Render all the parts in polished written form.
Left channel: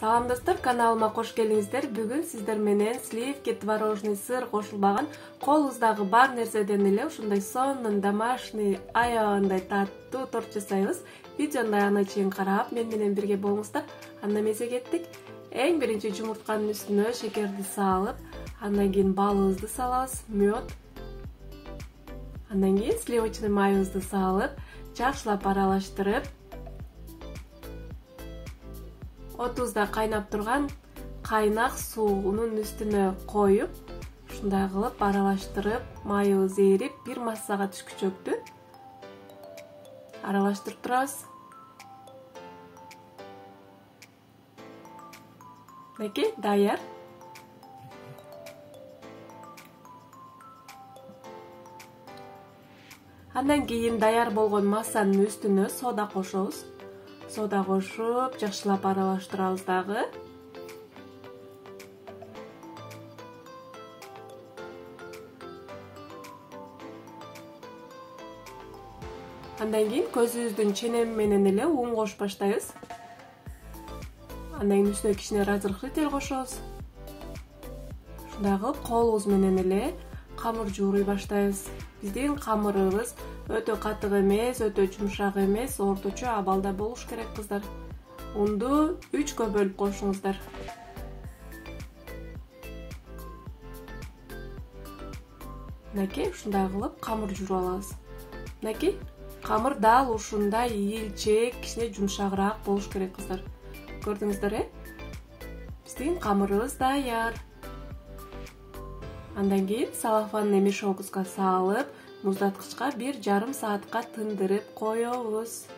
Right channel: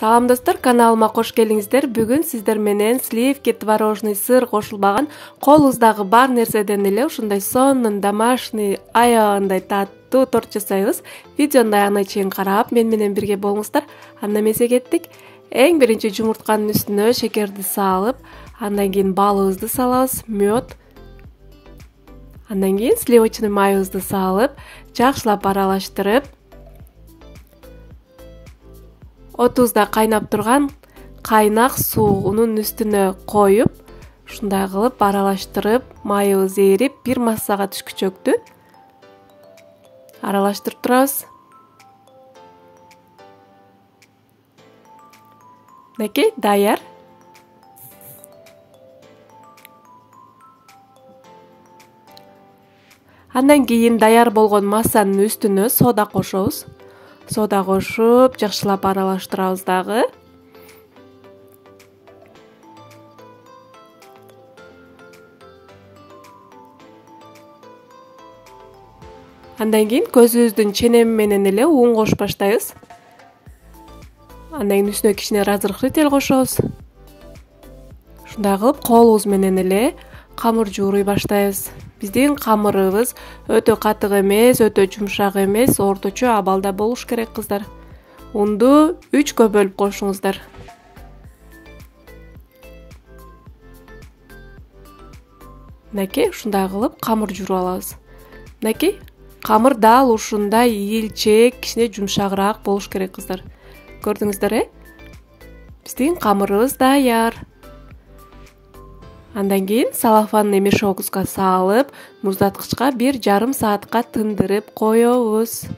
Салам достор, каналыма кош келиңиздер. Бүгүн сиздер менен сливки, творожный сыр кошулбаган колубуздагы бар нерседен эле ушундай сонун домашний аягындай таттуу торт жасайбыз. Видеону аягына чейин карап, мен менен бирге болуңуздар. Андан эмесе кеттик. Эң биринчи жумуртканын үстүнө шекерди салып, андан кийин балыбызды салабыз, мед. Андан кийин сливочный майыбызды салып, жакшылап аралаштырып, отузда кайнап турган кайнак суунун үстүнө коюп, ушундай кылып аралаштырып, майыбыз эрип, бир массага түшкүчөктү аралаштырып турабыз. Мынакей, даяр. Андан кийин даяр болгон массанын үстүнө сода кошобуз. Сода кошуп, жакшылап аралаштырабыз дагы. Андан кийин көзүбүздүн ченеми менен эле ун кошуп баштайбыз. Андан кийин үстүнө кичине разрыхлитель кошобуз. Ушундай кылып колубуз менен эле камыр жууруй баштайбыз. Биздин камырыбыз өтө катык эмес, өтө жумшак эмес, орточо абалда болуш керек кыздар. Унду 3кө бөлүп кошуңуздар. Мынакей, ушундай кылып камыр жууруп алабыз. Мынакей, камыр дал ушундай ийилчээк, кичине жумшагыраак болуш керек кыздар. Көрдүңүздөр, Биздин камырыбыз даяр. Андан кийин салафанный мешогубузга салып, муздаткычка 1,5 саатка тындырып коебуз.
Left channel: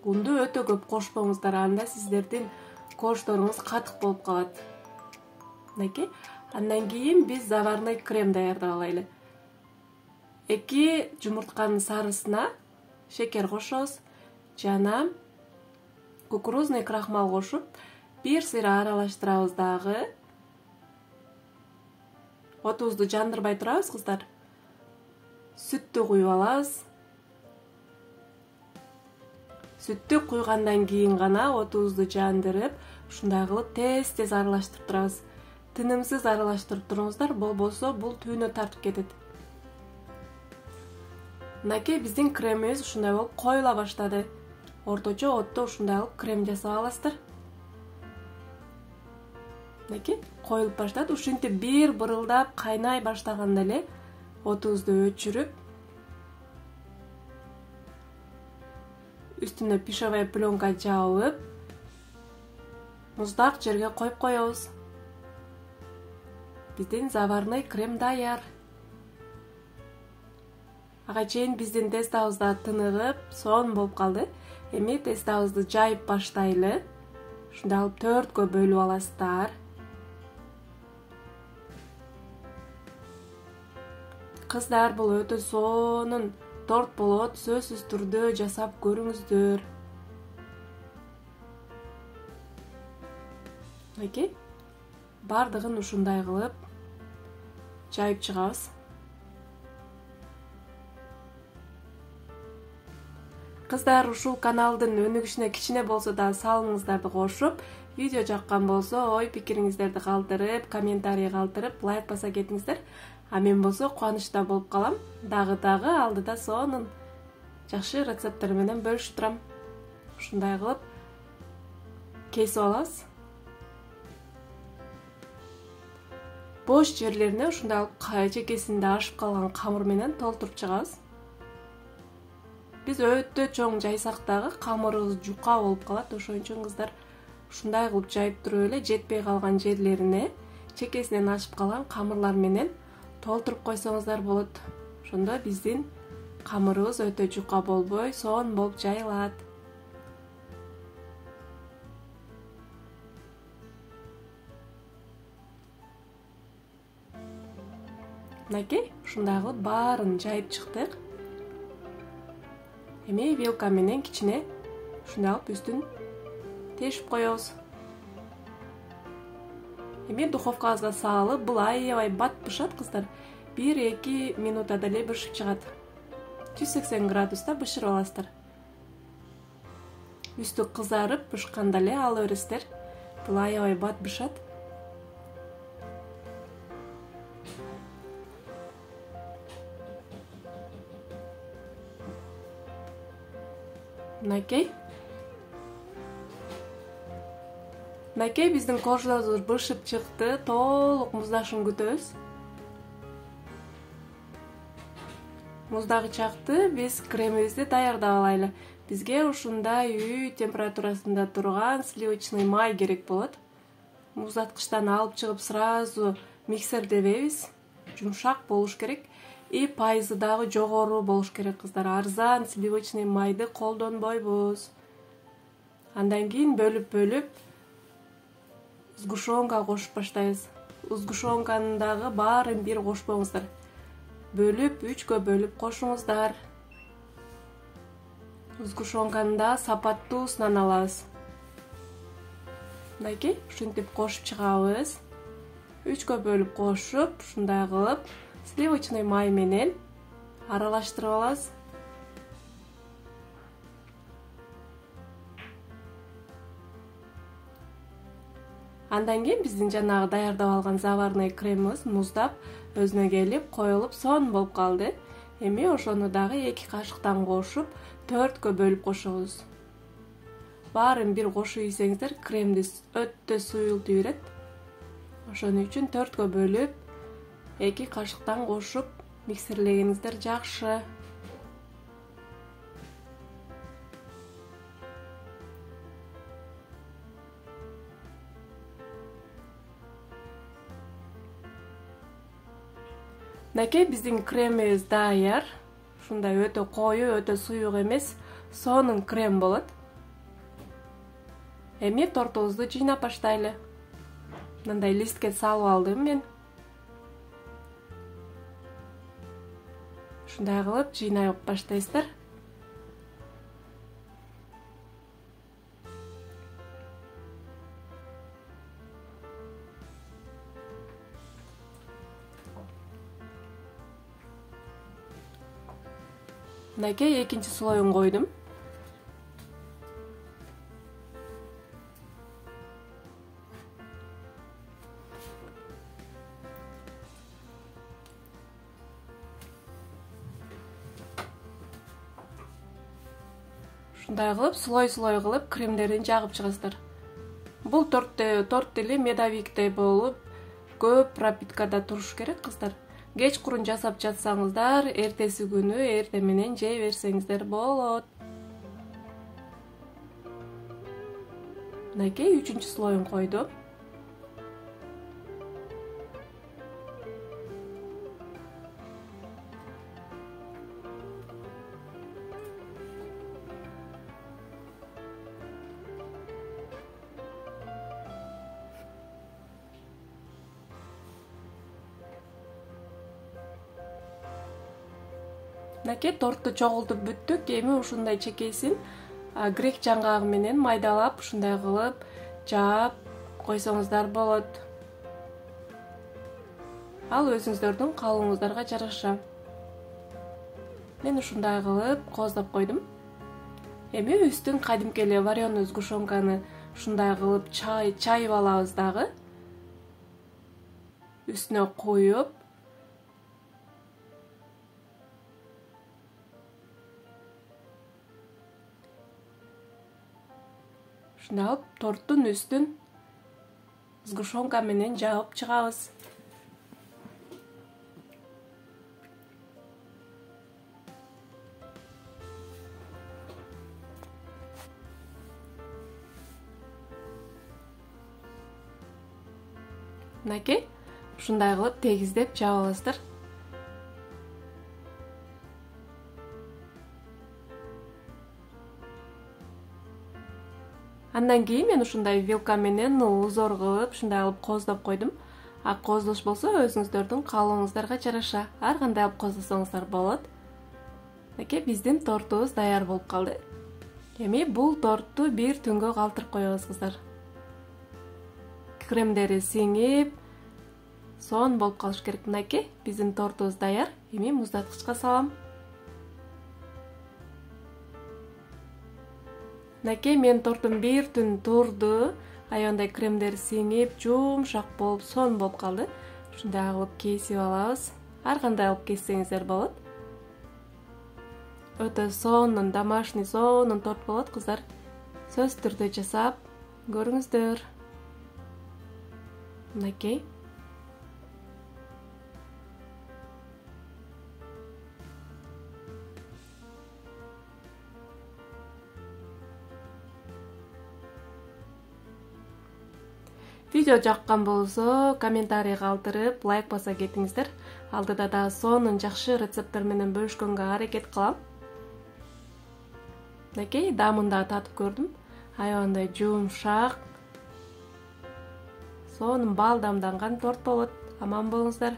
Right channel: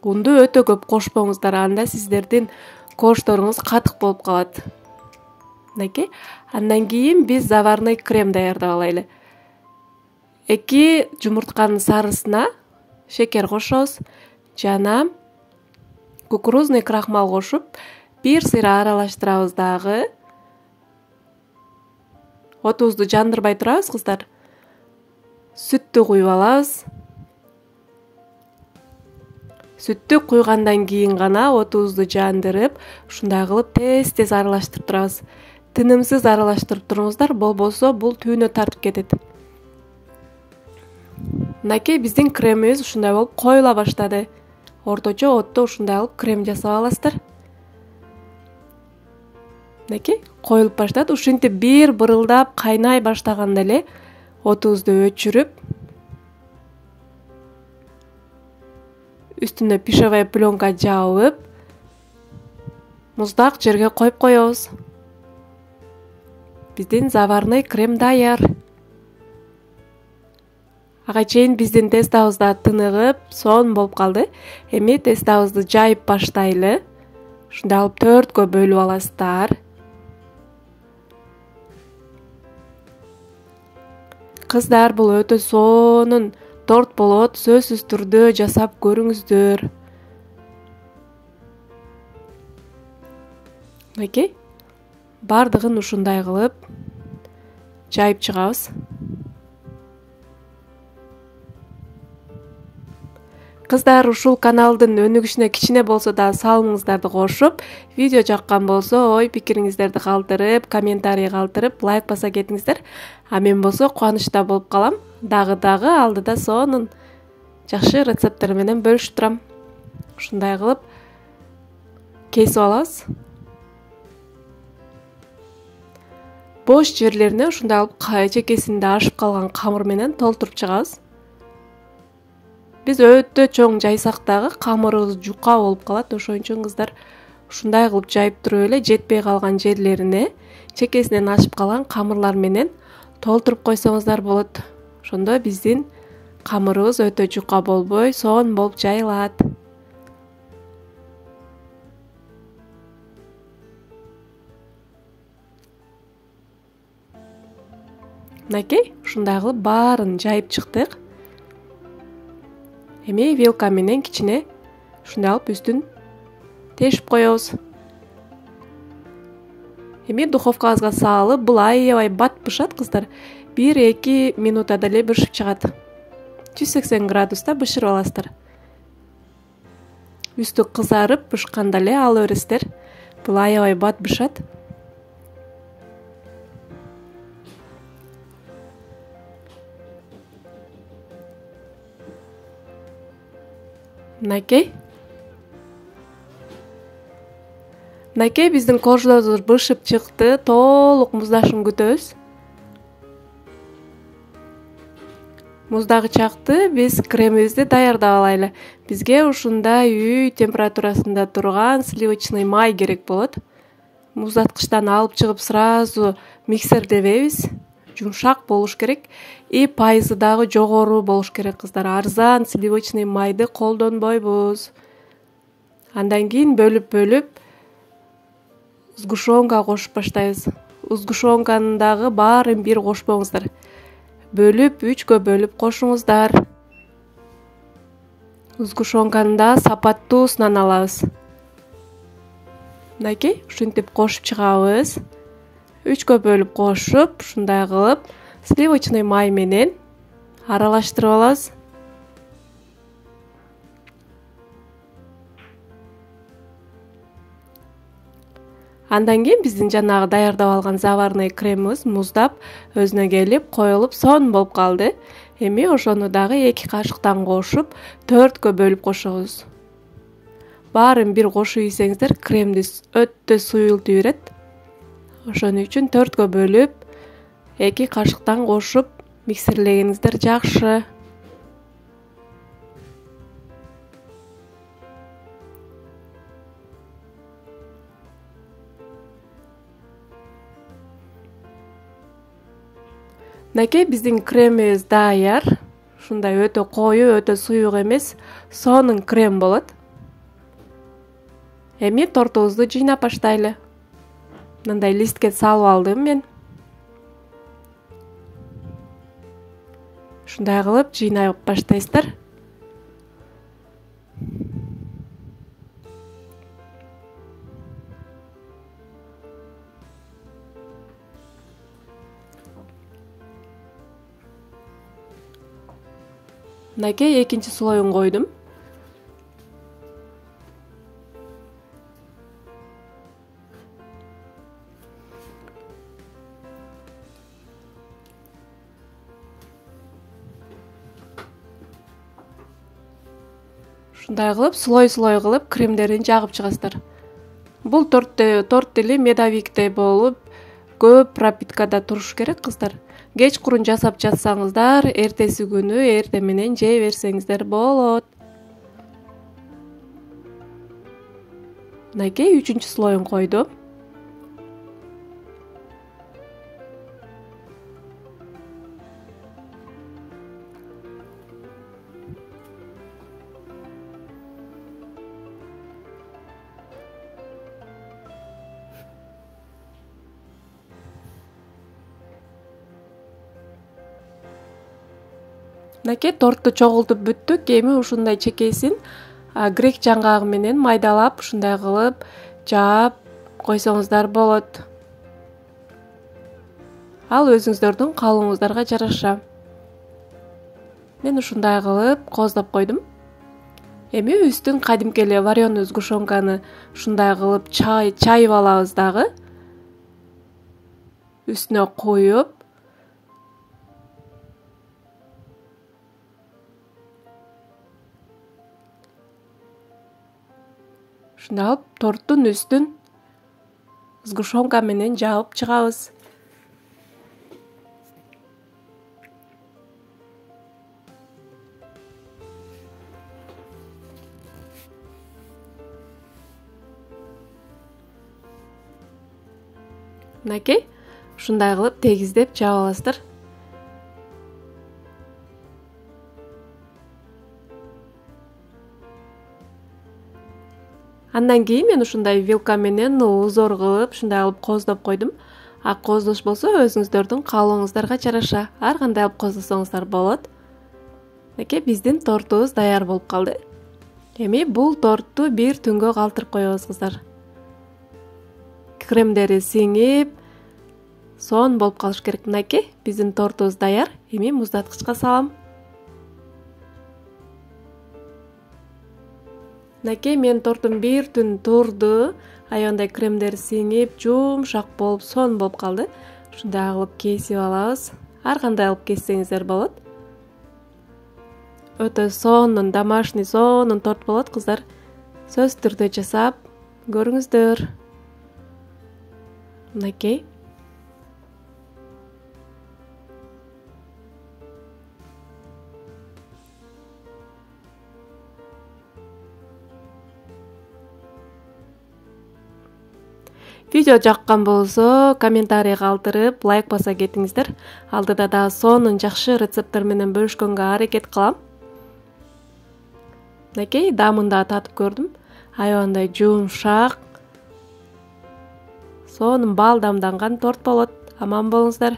Унду өтө көп кошпоңуздар, анда сиздердин кошторуңуз катык болуп калат. Мынакей, андан кийин биз заварной крем даярдап алайлы. 2 жумуртканын сарысына шекер кошобуз, жана кукурузный крахмал кошуп, 1 сыйра аралаштырабыз дагы. Отубузду жандырбай турабыз, кыздар. Сүттү куюп алабыз. Сүттү куйгандан кийин гана отубузду жандырып, ушундай кылып тез-тез аралаштырып турабыз. Тынымсыз аралаштырып туруңуздар, болбосо бул түйүнө тартып кетет. Мынакей, биздин кремибиз ушундай болуп коюла баштады. Орточо отто ушундай кылып крем жасап аласыздар. Мынакей, коюлуп баштады. Ушинтип бир бырылдап кайнай баштаганда эле отубузду өчүрүп, үстүнө пищевая пленка жабып, муздак жерге коюп коебуз. Биздин заварной крем даяр. Ага чейин биздин тестабыз да тыныгып, сонун болуп калды. Эми тестабызды жайып баштайлы. Ушундай кылып 4кө бөлүп аласыздар. Кыздар, бул өтө сонун торт болот, сөзсүз түрдө жасап көрүңүздөр. Мынакей, бардыгын ушундай кылып жайып чыгабыз. Кыздар, ушул каналдын өнүгүшүнө кичине болсо да салымыңыздарды кошуп, видео жаккан болсо ой пикириңиздерди калтырып, комментарий калтырып, лайк баса кетиңиздер. А мен болсо кубанычта болуп калам. Дагы алдыда сонун жакшы рецепттер менен бөлүшүп турам. Ушундай кылып кесип алабыз. Бош жерлерине ушундай кылып чекесинде ашып калган камыр менен толтуруп чыгабыз. Биз өтө чоң жайсак дагы камырыбыз жука болуп калат, ошон үчүн кыздар ушундай кылып жайып туруп эле жетпей калган жерлерине чекесинен ашып калган камырлар менен толтуруп койсоңуздар болот. Ошондо биздин камырыбыз өтө жука болбой, сонун болуп жайылат. Мынакей, ушундай кылып баарын жайып чыктык. Эми вилка менен кичине ушундай кылып үстүн тешип коебуз. Эми духовкабызга салып, бул аябай бат бышат, кыздар. 1-2 минутада эле бышып чыгат. 180 градуста бышырып аласыздар. Үстү кызарып бышканда эле ала бересиздер. Бул аябай бат бышат. Мынакей. Мынакей биздин корждор бышып чыкты. Толук муздашын күтөбүз. Муздагы чакты биз кремибизди даярдап алайлы. Бизге ушундай үй температурасында турган сливочный май керек болот. Муздаткычтан алып чыгып сразу миксердебейбиз. Жумшак болуш керек. И пайызы дагы жогору болуш керек кыздар. Арзан сливочный майды колдонбойбуз. Андан кийин бөлүп сгущенка кошуп баштайбыз. Сгущенканын дагы баарын бир кошпоңуздар. Бөлүп 3кө бөлүп кошуңуздар. Сгущенканы да сапаттуусунан алабыз. Мынакей, ушинтип кошуп чыгабыз. 3кө бөлүп кошуп, ушундай кылып, сливочный май менен аралаштырып алабыз. Андан кийин биздин жанагы даярдап алган заварной кремибиз муздап, өзүнө келип, коюлуп, сонун болуп калды. Эми ошону дагы 2 кашыктан кошуп, 4кө бөлүп кошобуз. Баарын бир кошуп ийсеңиздер, кремди өтө суюлтуп берет. Ошон үчүн 4кө бөлүп, 2 кашыктан кошуп, миксерлегениңиздер жакшы. Мынакей биздин кремибиз даяр. Ушундай өтө коюу, өтө суюк эмес, сонун крем болот. Эми тортубузду жыйнап баштайлы. Мындай листке салып алдым мен. Ушундай кылып жыйнап баштайсыздар. Мынакей экинчи слоюн койдум. Ушундай кылып, слой кылып кремдерин жагып чыгасыздар. Бул торт деле медовиктей болуп, көп пропиткада туруш керек кыздар. Кечкурун жасап жатсаңыздар, эртеси күнү эрте менен жей берсеңиздер болот. Мынакей 3-чү слоюн койдум. Мынакей торту чогултуп бүттүк. Эми ушундай чекесин грек жаңгагы менен майдалап, ушундай кылып жаап койсоңуздар болот. Ал өзүңүздөрдүн калыбыңыздарга жараша. Мен ушундай кылып кооздоп койдум. Эми үстүн кадимки эле вареный сгущенканы ушундай кылып чайып алабыз дагы. Үстүнө коюп, ушундай алып торттун үстүн сгущенка менен жаап чыгабыз. Мынакей, ушундай кылып тегиздеп жаап аласыздар. Андан кийин мен ушундай вилка менен узор кылып, ушундай кылып кооздоп койдум. Кооздош болсо өзүңүздөрдүн каалооңуздарга жараша. Ар кандай алып кооздосоңуздар болот. Мынакей биздин тортубуз даяр болуп калды. Эми бул тортту бир түнгө калтырып коебуз кыздар. Кремдери сиңип, сонун болуп калыш керек. Мынакей биздин тортубуз даяр. Эми муздаткычка салам. Мынакей менин тортум бир түн турду. Аябындай кремдер сиңип, жумшак болуп, сонун болуп калды. Ушундай кылып кесип алабыз. Ар кандай алып кессеңиздер болот. Өтө сонун, домашний сонун торт болот, кыздар. Сөзсүз түрдө жасап көрүңүздөр. Мынакей. Видео жаккан болсо, комментарий калтырып, лайк баса кетиңиздер. Алдыда дагы сонун жакшы рецепттер менен бөлүшкөнгө аракет кылам. Мынакей, даамын да татып көрдүм. Аябындай жумшак, сонун баалдамданган торт болот. Аман болуңуздар.